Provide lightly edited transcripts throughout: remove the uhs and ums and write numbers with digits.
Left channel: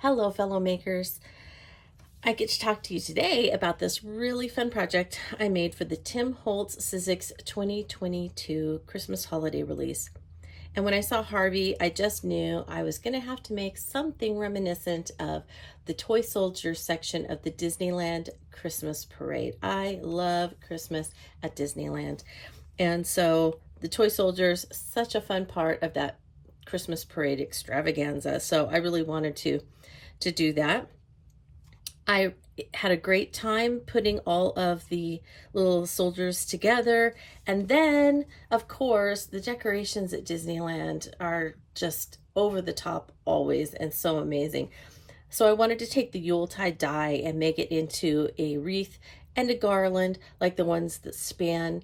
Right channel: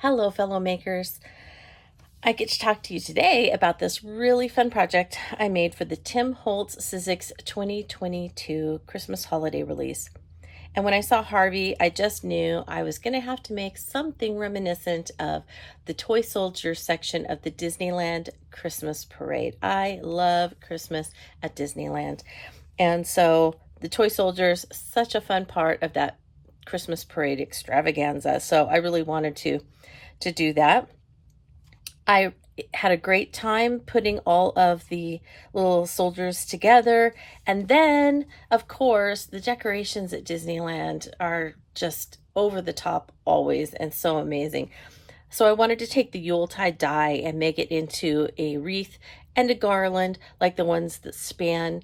Hello, fellow makers. I get to talk to you today about this really fun project I made for the Holtz Sizzix 2022 Christmas holiday release. And when I saw HARVEY, I just knew I was going to have to make something reminiscent of the toy soldiers section of the Disneyland Christmas parade. I love Christmas at Disneyland. And so the toy soldiers, such a fun part of that Christmas parade extravaganza. So I really wanted to do that. I had a great time putting all of the little soldiers together. And then, of course, the decorations at Disneyland are just over the top always and so amazing. So I wanted to take the Yuletide die and make it into a wreath and a garland like the ones that span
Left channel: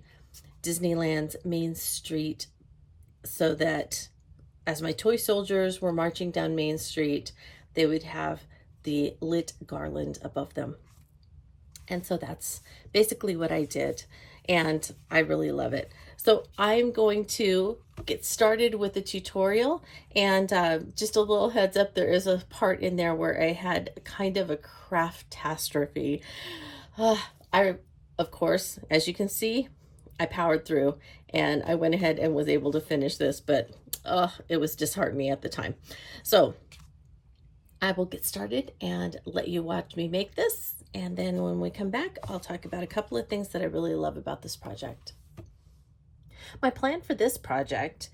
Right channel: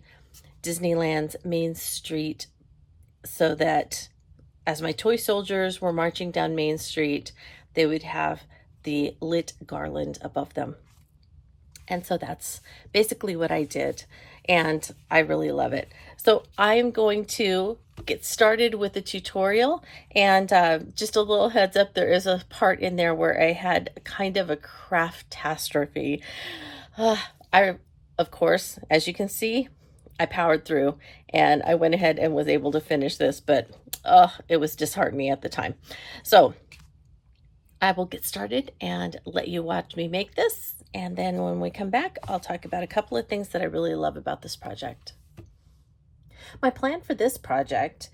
Disneyland's Main Street, so that as my toy soldiers were marching down Main Street, they would have the lit garland above them. And so that's basically what I did, and I really love it. So I'm going to get started with the tutorial, and just a little heads up, there is a part in there where I had kind of a craftastrophe. Of course, as you can see, I powered through and I went ahead and was able to finish this, but it was disheartening at the time. So I will get started and let you watch me make this. And then when we come back, I'll talk about a couple of things that I really love about this project. My plan for this project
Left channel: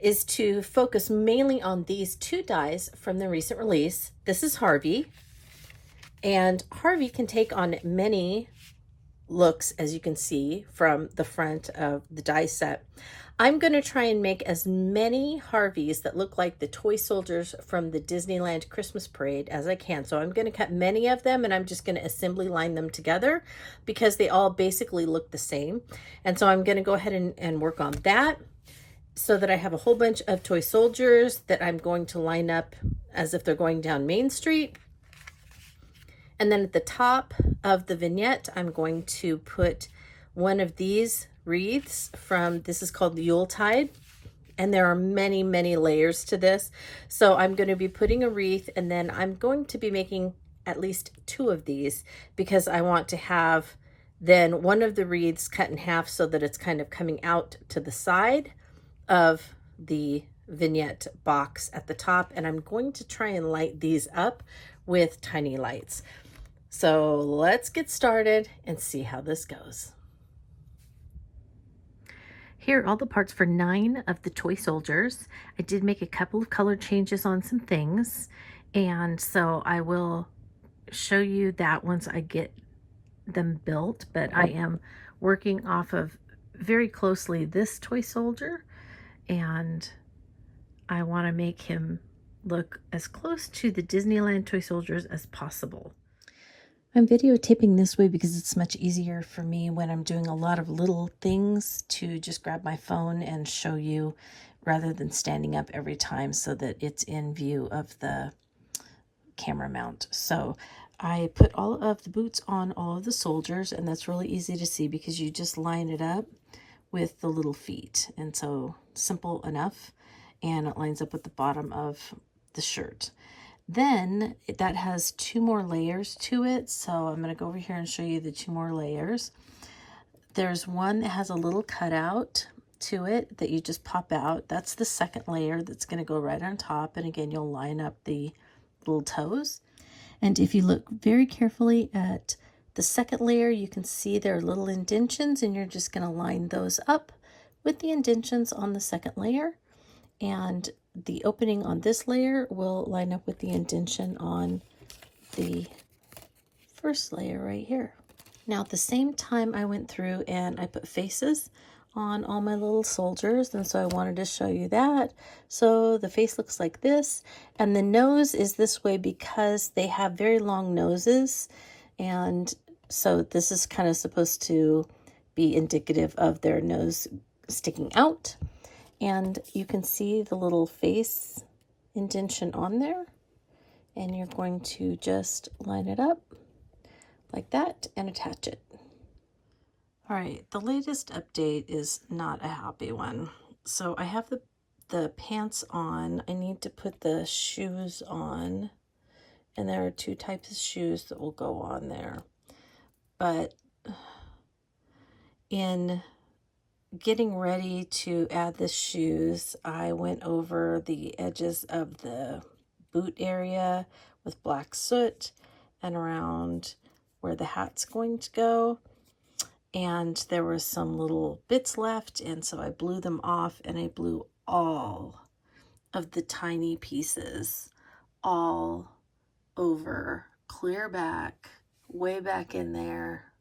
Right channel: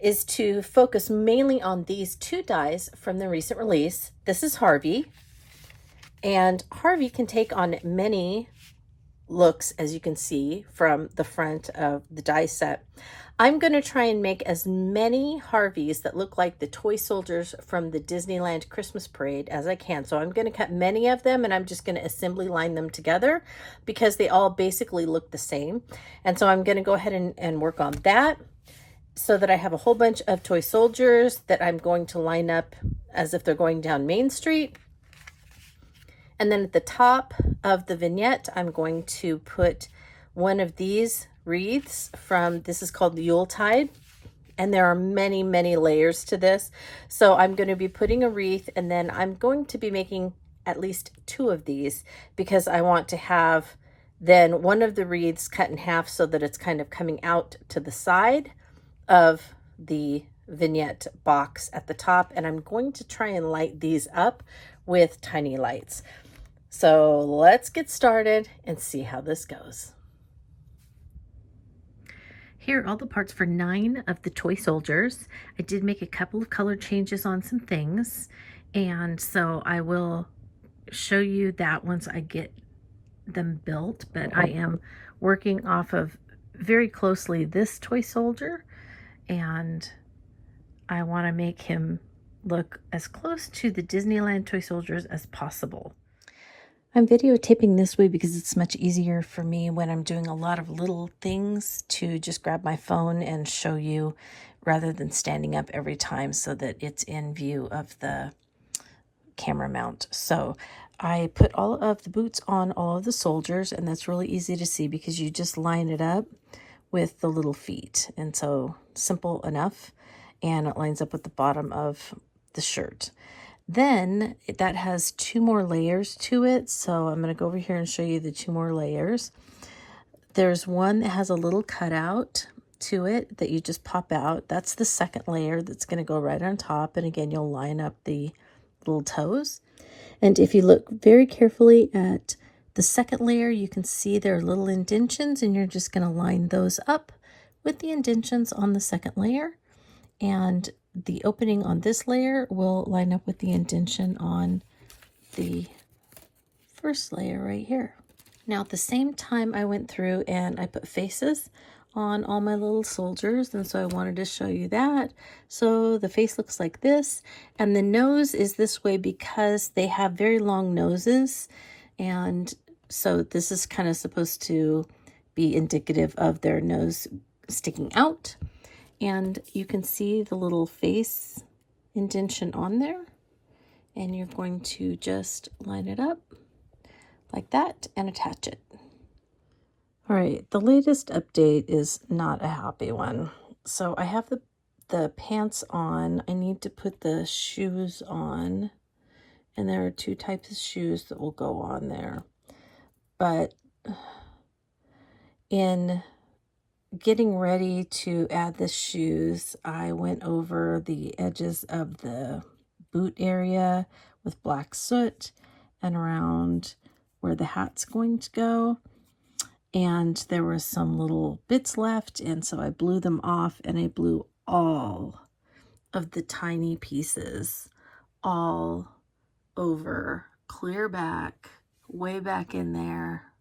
is to focus mainly on these two dies from the recent release. This is HARVEY, and HARVEY can take on many looks, as you can see from the front of the die set. I'm going to try and make as many HARVEYs that look like the toy soldiers from the Disneyland Christmas parade as I can. So I'm going to cut many of them, and I'm just going to assembly line them together because they all basically look the same. And so I'm going to go ahead and work on that so that I have a whole bunch of toy soldiers that I'm going to line up as if they're going down Main Street. And then at the top of the vignette, I'm going to put one of these wreaths from, this is called the Yuletide, and there are many, many layers to this. So I'm going to be putting a wreath, and then I'm going to be making at least two of these because I want to have then one of the wreaths cut in half so that it's kind of coming out to the side of the vignette box at the top. And I'm going to try and light these up with tiny lights. So let's get started and see how this goes. Here are all the parts for 9 of the toy soldiers. I did make a couple of color changes on some things, and so I will show you that once I get them built, but I am working off of very closely this toy soldier, and I want to make him look as close to the Disneyland toy soldiers as possible. I'm videotaping this way because it's much easier for me when I'm doing a lot of little things to just grab my phone and show you rather than standing up every time so that it's in view of the camera mount. So I put all of the boots on all of the soldiers, and that's really easy to see because you just line it up with the little feet. And so simple enough, and it lines up with the bottom of the shirt. Then that has 2 more layers to it. So I'm going to go over here and show you the 2 more layers. There's one that has a little cutout to it that you just pop out. That's the second layer that's going to go right on top. And again, you'll line up the little toes. And if you look very carefully at the second layer, you can see there are little indentions, and you're just going to line those up with the indentions on the second layer. And the opening on this layer will line up with the indention on the first layer right here. Now at the same time, I went through and I put faces on all my little soldiers, and so I wanted to show you that. So the face looks like this, and the nose is this way because they have very long noses, and so this is kind of supposed to be indicative of their nose sticking out. And you can see the little face indention on there, and you're going to just line it up like that and attach it. All right, the latest update is not a happy one. So I have the pants on. I need to put the shoes on, And there are 2 types of shoes that will go on there. But in getting ready to add the shoes, I went over the edges of the boot area with black soot and around where the hat's going to go. And there were some little bits left, and so I blew them off, and I blew all of the tiny pieces all over, clear back, way back in there,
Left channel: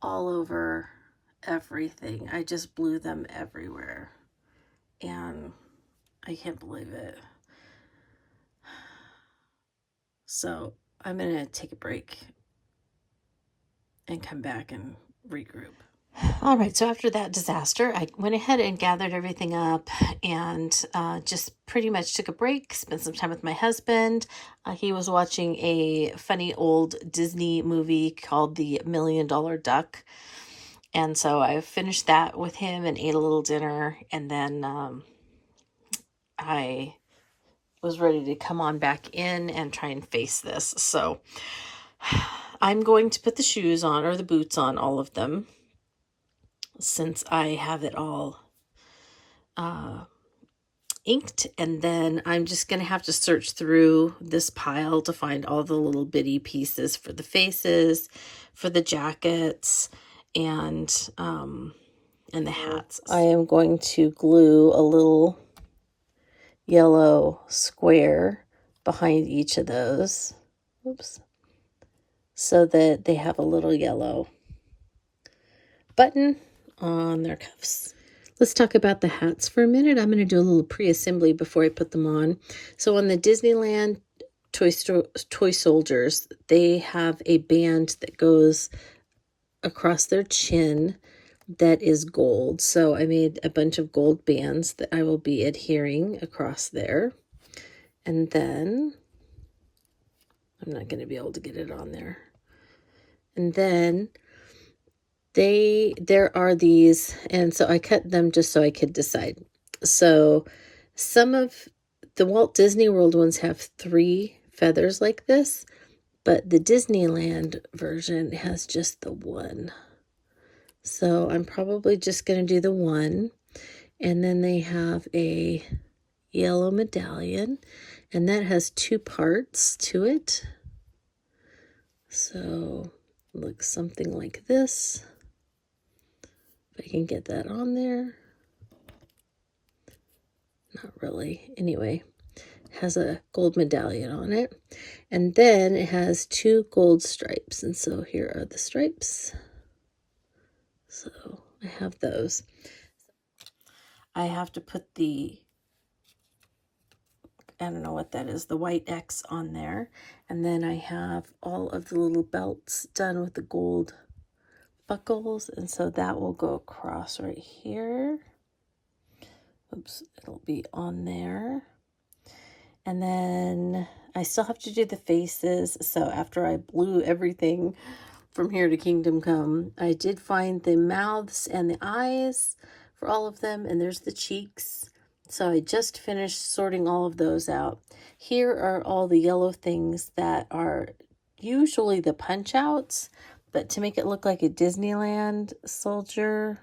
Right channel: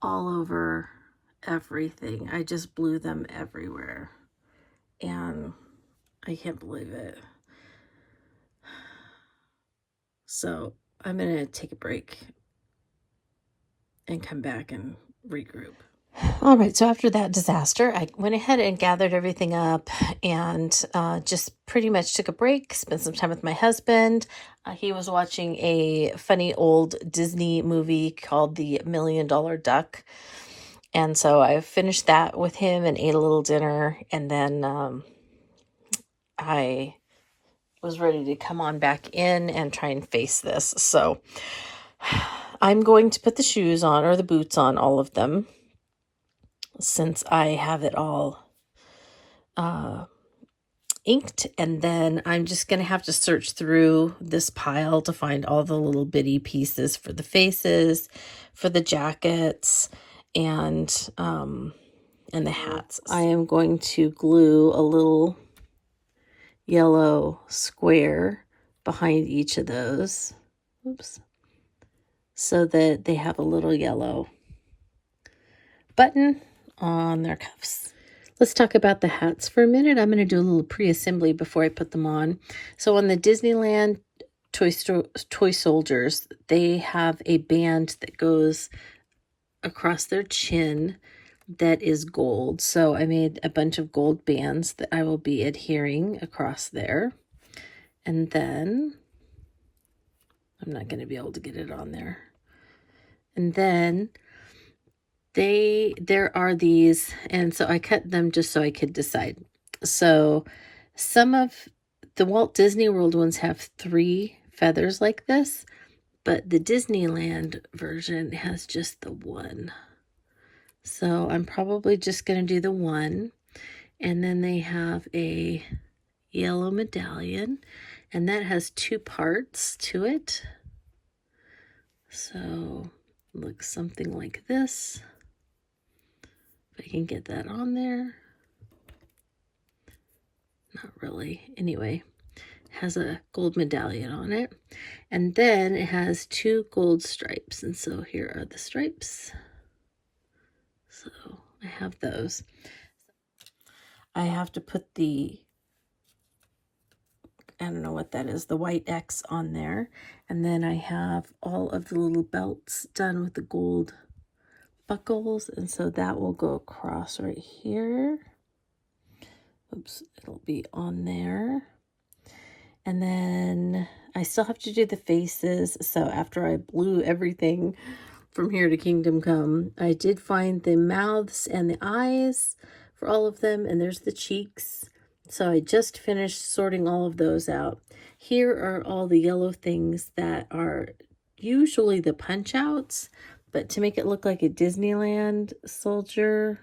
all over everything. I just blew them everywhere, and I can't believe it. So I'm gonna take a break and come back and regroup. All right, so after that disaster, I went ahead and gathered everything up and just pretty much took a break, spent some time with my husband. He was watching a funny old Disney movie called The $1 Million Duck. And so I finished that with him and ate a little dinner. And then I was ready to come on back in and try and face this. So I'm going to put the shoes on, or the boots on, all of them, since I have it all inked. And then I'm just going to have to search through this pile to find all the little bitty pieces for the faces, for the jackets, and the hats. I am going to glue a little yellow square behind each of those. Oops. So that they have a little yellow button on their cuffs. Let's talk about the hats for a minute. I'm going to do a little pre-assembly before I put them on. So on the Disneyland Toy Soldiers, they have a band that goes across their chin that is gold. So I made a bunch of gold bands that I will be adhering across there. And then I'm not going to be able to get it on there. And then there are these, and so I cut them just so I could decide. So some of the Walt Disney World ones have 3 feathers like this, but the Disneyland version has just the 1. So I'm probably just going to do the 1. And then they have a yellow medallion, and that has 2 parts to it. So it looks something like this. If I can get that on there. Not really. Anyway, it has a gold medallion on it. And then it has 2 gold stripes. And so here are the stripes. So I have those. I have to put the, I don't know what that is, the white X on there. And then I have all of the little belts done with the gold buckles, and so that will go across right here. Oops, it'll be on there. And then I still have to do the faces. So after I blew everything from here to Kingdom Come, I did find the mouths and the eyes for all of them, and there's the cheeks. So I just finished sorting all of those out. Here are all the yellow things that are usually the punch outs, but to make it look like a Disneyland soldier,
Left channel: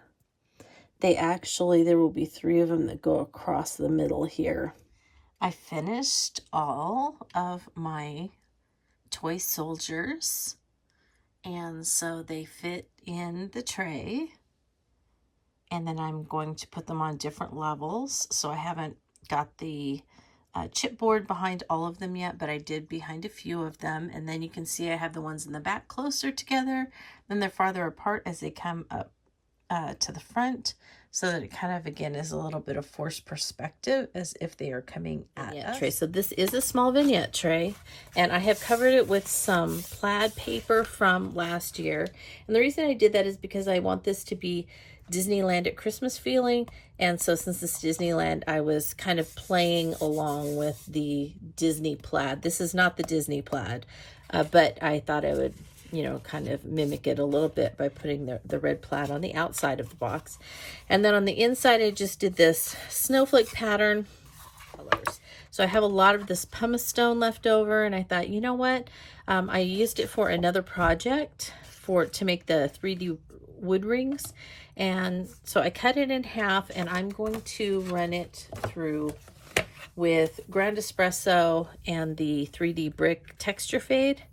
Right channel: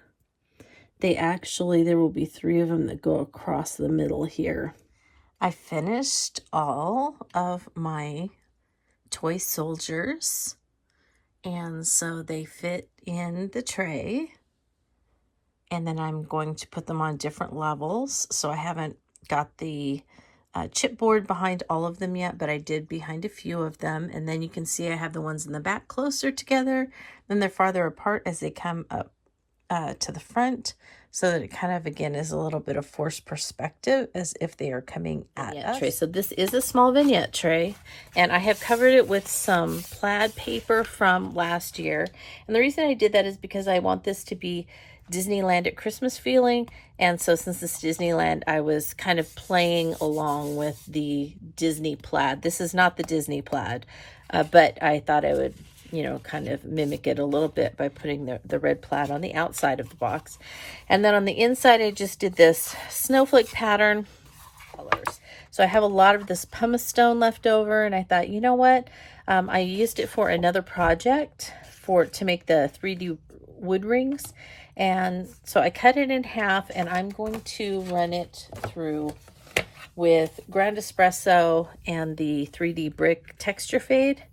there will be 3 of them that go across the middle here. I finished all of my toy soldiers, and so they fit in the tray. And then I'm going to put them on different levels. So I haven't got the chipboard behind all of them yet, but I did behind a few of them. And then you can see I have the ones in the back closer together. Then they're farther apart as they come up to the front, so that it kind of, again, is a little bit of forced perspective as if they are coming at us. Tray. So this is a small vignette tray, and I have covered it with some plaid paper from last year. And the reason I did that is because I want this to be Disneyland at Christmas feeling. And so since it's Disneyland, I was kind of playing along with the Disney plaid. This is not the Disney plaid, but I thought I would, you know, kind of mimic it a little bit by putting the red plaid on the outside of the box. And then on the inside, I just did this snowflake pattern colors. So I have a lot of this pumice stone left over, and I thought, you know what? I used it for another project to make the 3D wood rings. And so I cut it in half, and I'm going to run it through with ground espresso and the 3D brick texture fade.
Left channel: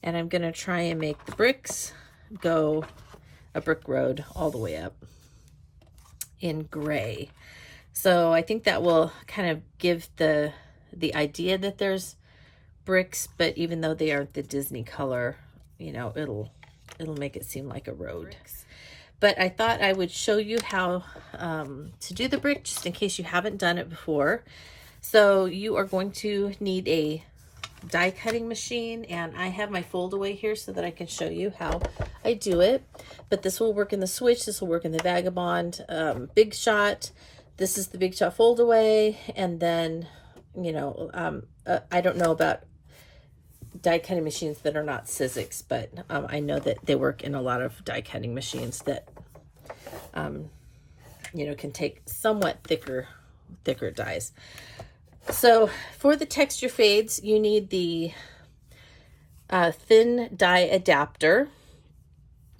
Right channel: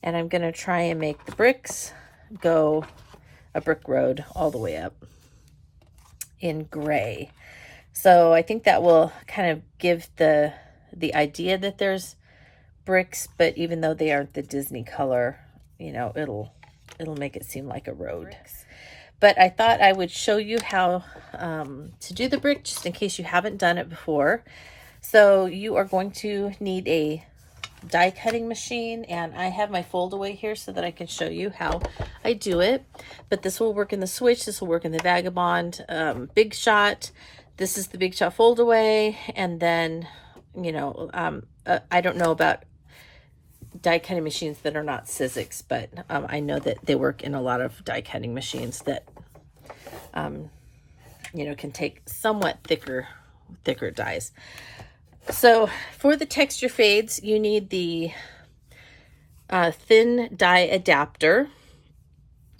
And I'm going to try and make the bricks go a brick road all the way up in gray. So I think that will kind of give the idea that there's bricks, but even though they aren't the Disney color, you know, it'll make it seem like a road. But I thought I would show you how to do the brick, just in case you haven't done it before. So you are going to need a die cutting machine, and I have my fold away here so that I can show you how I do it. But this will work in the Switch, this will work in the Vagabond, Big Shot. This is the Big Shot fold away, and then, you know, I don't know about die cutting machines that are not Sizzix, but I know that they work in a lot of die cutting machines that, you know, can take somewhat thicker dies. So for the texture fades, you need the thin die adapter.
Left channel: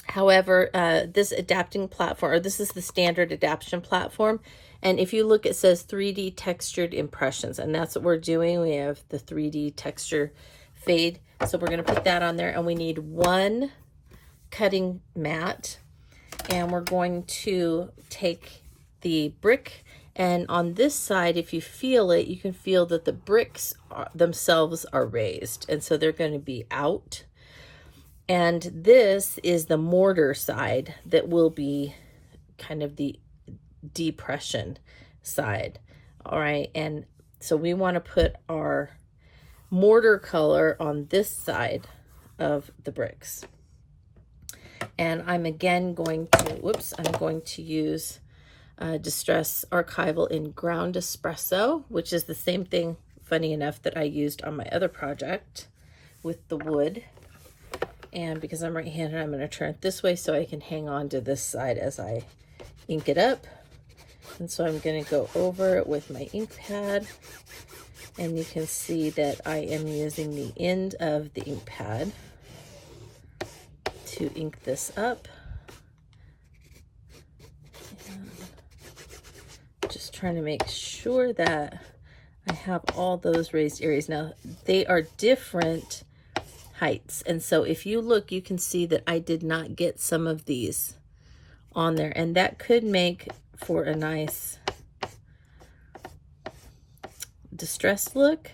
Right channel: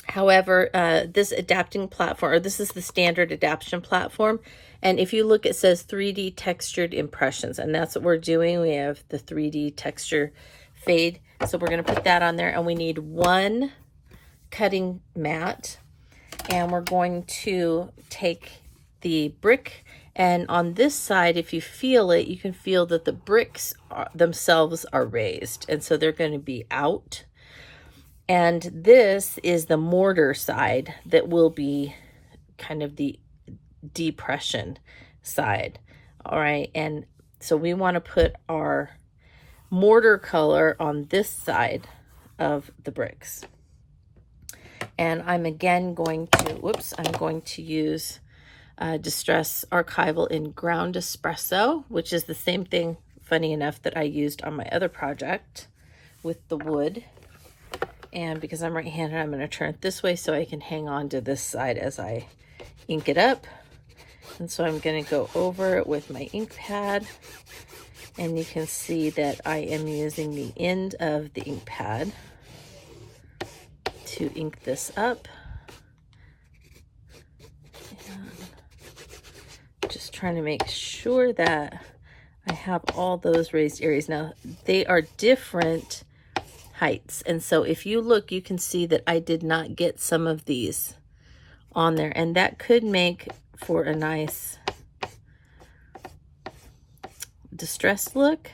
However, this adapting platform, or this is the standard adaptation platform. And if you look, it says 3D textured impressions, and that's what we're doing. We have the 3D texture fade. So we're going to put that on there, and we need one cutting mat, and we're going to take the brick, and on this side, if you feel it, you can feel that the bricks themselves are raised, and so they're going to be out. And this is the mortar side that will be kind of the depression side. All right, and so we want to put our mortar color on this side of the bricks. And I'm again going to use Distress Archival in ground espresso, which is the same thing, funny enough, that I used on my other project with the wood. And because I'm right-handed, I'm going to turn it this way so I can hang on to this side as I ink it up. And so I'm going to go over it with my ink pad, and you can see that I am using the end of the ink pad to ink this up. And just trying to make sure that I have all those raised areas. Now, they are different heights, and so if you look, you can see that I did not get some of these on there, and that could make for a nice distressed look,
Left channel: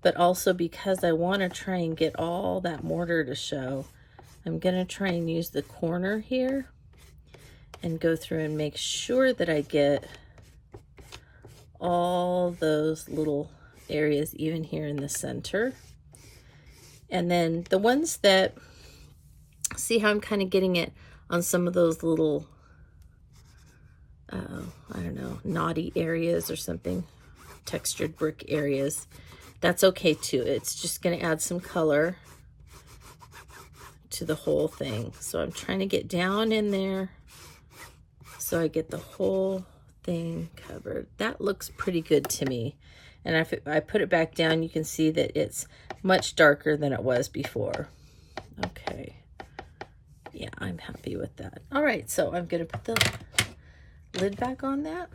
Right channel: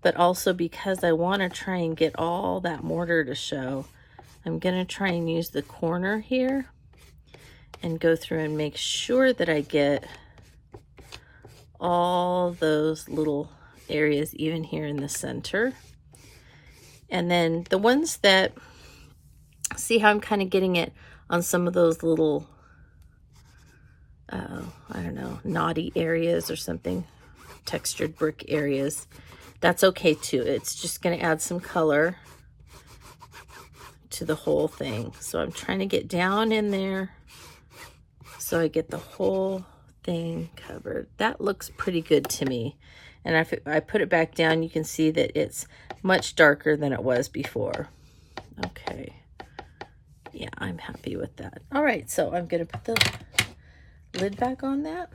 but also because I want to try and get all that mortar to show, I'm going to try and use the corner here and go through and make sure that I get all those little areas, even here in the center. And then the ones that, see how I'm kind of getting it on some of those little, I don't know, knotty areas or something, textured brick areas. That's okay too. It's just going to add some color to the whole thing. So I'm trying to get down in there so I get the whole thing covered. That looks pretty good to me. And if I put it back down, you can see that it's much darker than it was before. Okay. Yeah, I'm happy with that. All right, so I'm going to put the lid back on that.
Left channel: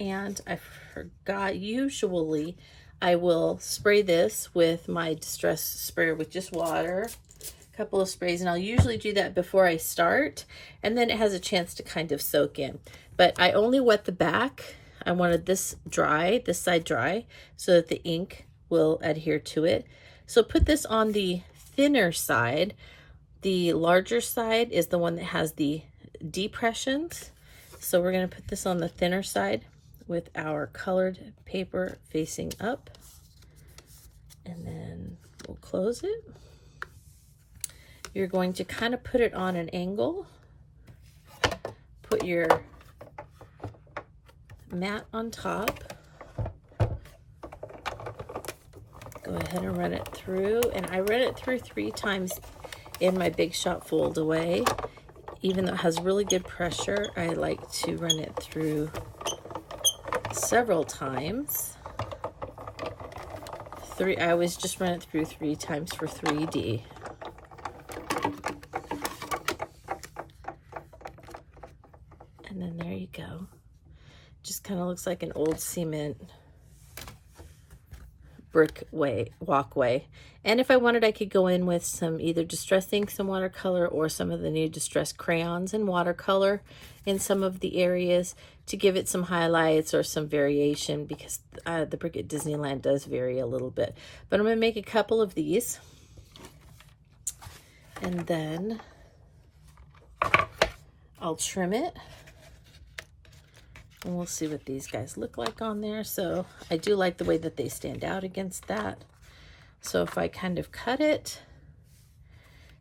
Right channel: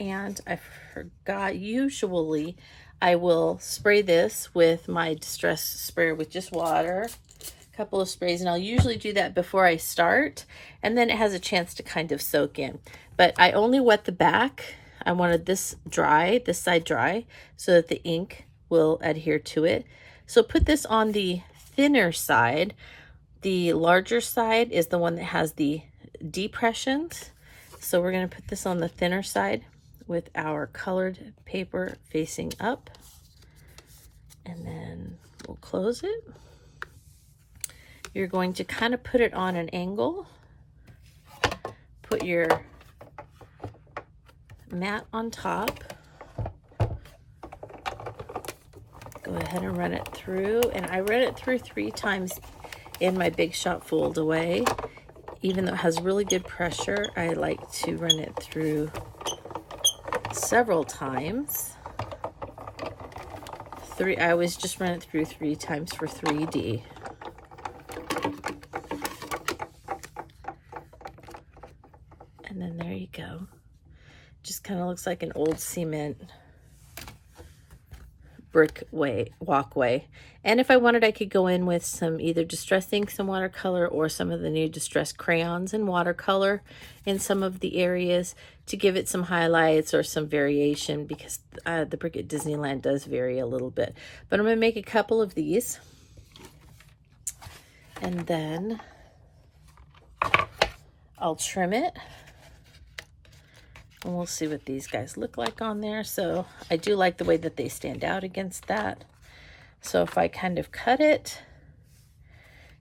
And I forgot, usually I will spray this with my distress sprayer with just water, a couple of sprays, and I'll usually do that before I start, and then it has a chance to kind of soak in. But I only wet the back. I wanted this dry, this side dry, so that the ink will adhere to it. So put this on the thinner side. The larger side is the one that has the depressions. So we're going to put this on the thinner side with our colored paper facing up. And then we'll close it. You're going to kind of put it on an angle. Put your mat on top. Go ahead and run it through. And I ran it through 3 times in my Big Shot fold away. Even though it has really good pressure, I like to run it through several times. I always just run it through 3 times for 3D. And then there you go. Just kind of looks like an old cement brick walkway. And if I wanted, I could go in with some either distress ink, some watercolor, or some of the new distress crayons and watercolor in some of the areas to give it some highlights or some variation, because the brick at Disneyland does vary a little bit. But I'm going to make a couple of these, and then I'll trim it. And we'll see what these guys look like on there. So I do like the way that they stand out against that. So if I kind of cut it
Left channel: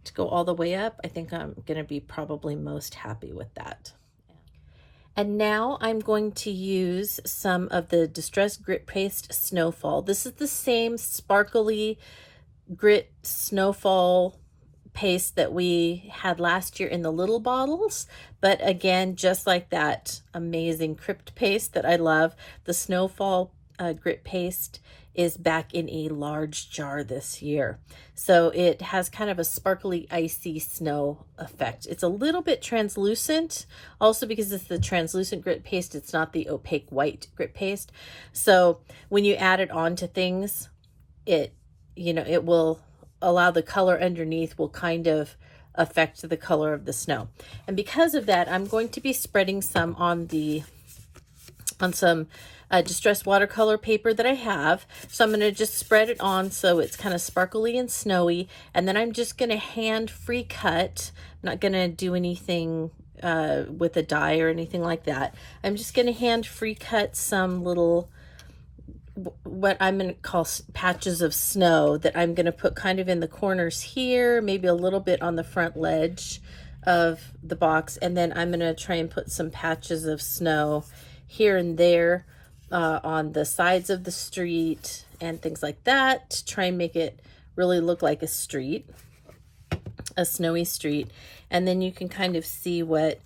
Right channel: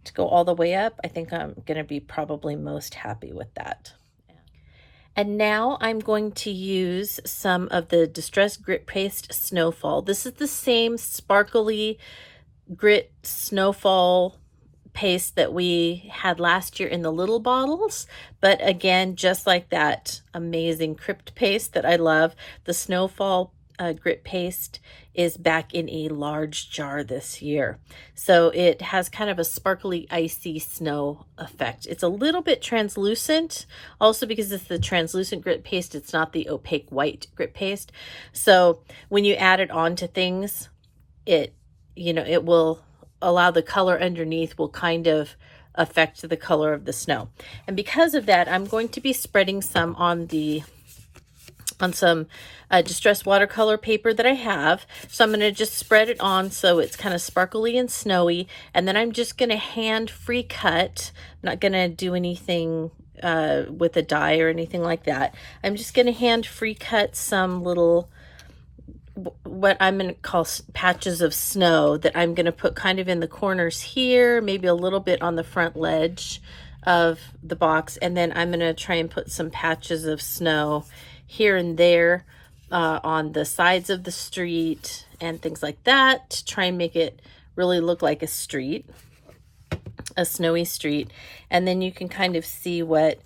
to go all the way up, I think I'm going to be probably most happy with that. And now I'm going to use some of the Distress Grit Paste Snowfall. This is the same sparkly grit snowfall paste that we had last year in the little bottles, but again, just like that amazing crypt paste that I love, the snowfall grit paste is back in a large jar this year. So it has kind of a sparkly, icy snow effect. It's a little bit translucent, also because it's the translucent grit paste, it's not the opaque white grit paste. So when you add it onto things, it will allow the color underneath will kind of affect the color of the snow. And because of that, I'm going to be spreading some on some distressed watercolor paper that I have. So I'm going to just spread it on so it's kind of sparkly and snowy. And then I'm just going to hand free cut. I'm not going to do anything with a die or anything like that. I'm just going to hand free cut some little, what I'm going to call patches of snow that I'm going to put kind of in the corners here, maybe a little bit on the front ledge of the box. And then I'm going to try and put some patches of snow here and there on the sides of the street and things like that to try and make it really look like a street, a snowy street. And then you can kind of see what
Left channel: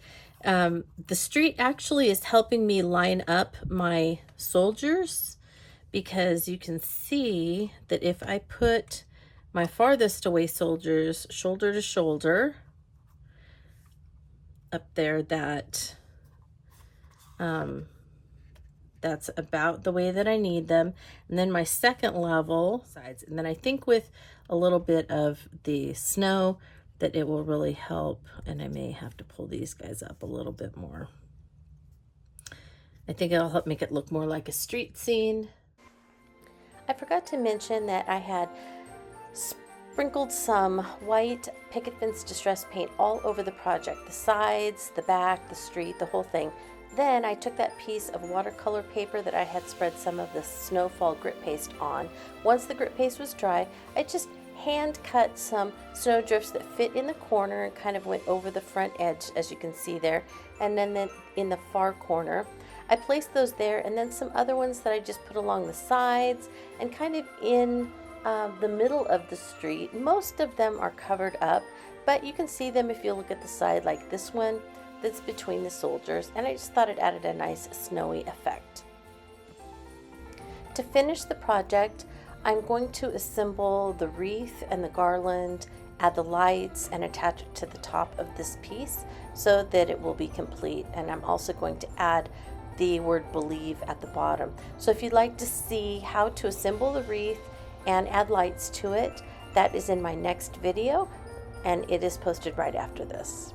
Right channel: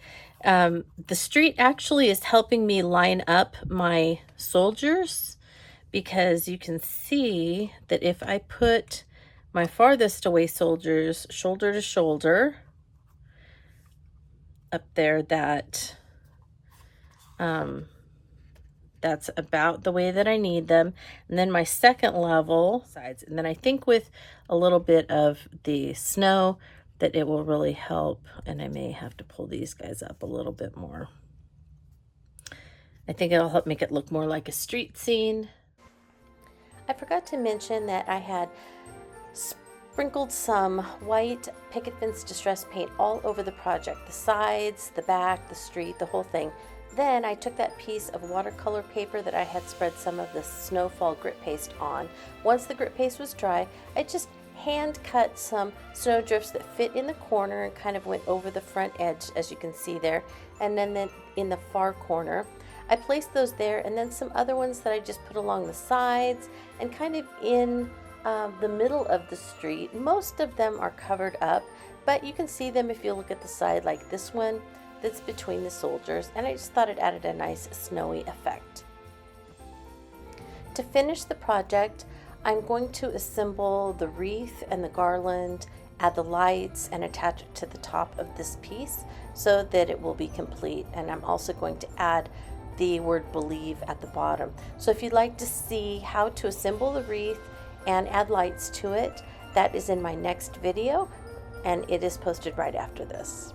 the street actually is helping me line up my soldiers, because you can see that if I put my farthest away soldiers shoulder to shoulder up there, that that's about the way that I need them. And then my second level sides, and then I think with a little bit of the snow that it will really help. And I may have to pull these guys up a little bit more. I think it'll help make it look more like a street scene. I forgot to mention that I had sprinkled some white picket fence distress paint all over the project, the sides, the back, the street, the whole thing. Then I took that piece of watercolor paper that I had spread some of the snowfall grit paste on. Once the grit paste was dry, I just hand cut some snow drifts that fit in the corner and kind of went over the front edge, as you can see there. And then in the far corner, I placed those there, and then some other ones that I just put along the sides and kind of in the middle of the street. Most of them are covered up, but you can see them if you look at the side, like this one that's between the soldiers, and I just thought it added a nice snowy effect. To finish the project, I'm going to assemble the wreath and the garland, add the lights, and attach it to the top of this piece so that it will be complete. And I'm also going to add the word believe at the bottom. So if you'd like to see how to assemble the wreath and add lights to it, that is in my next video, and it is posted right after this.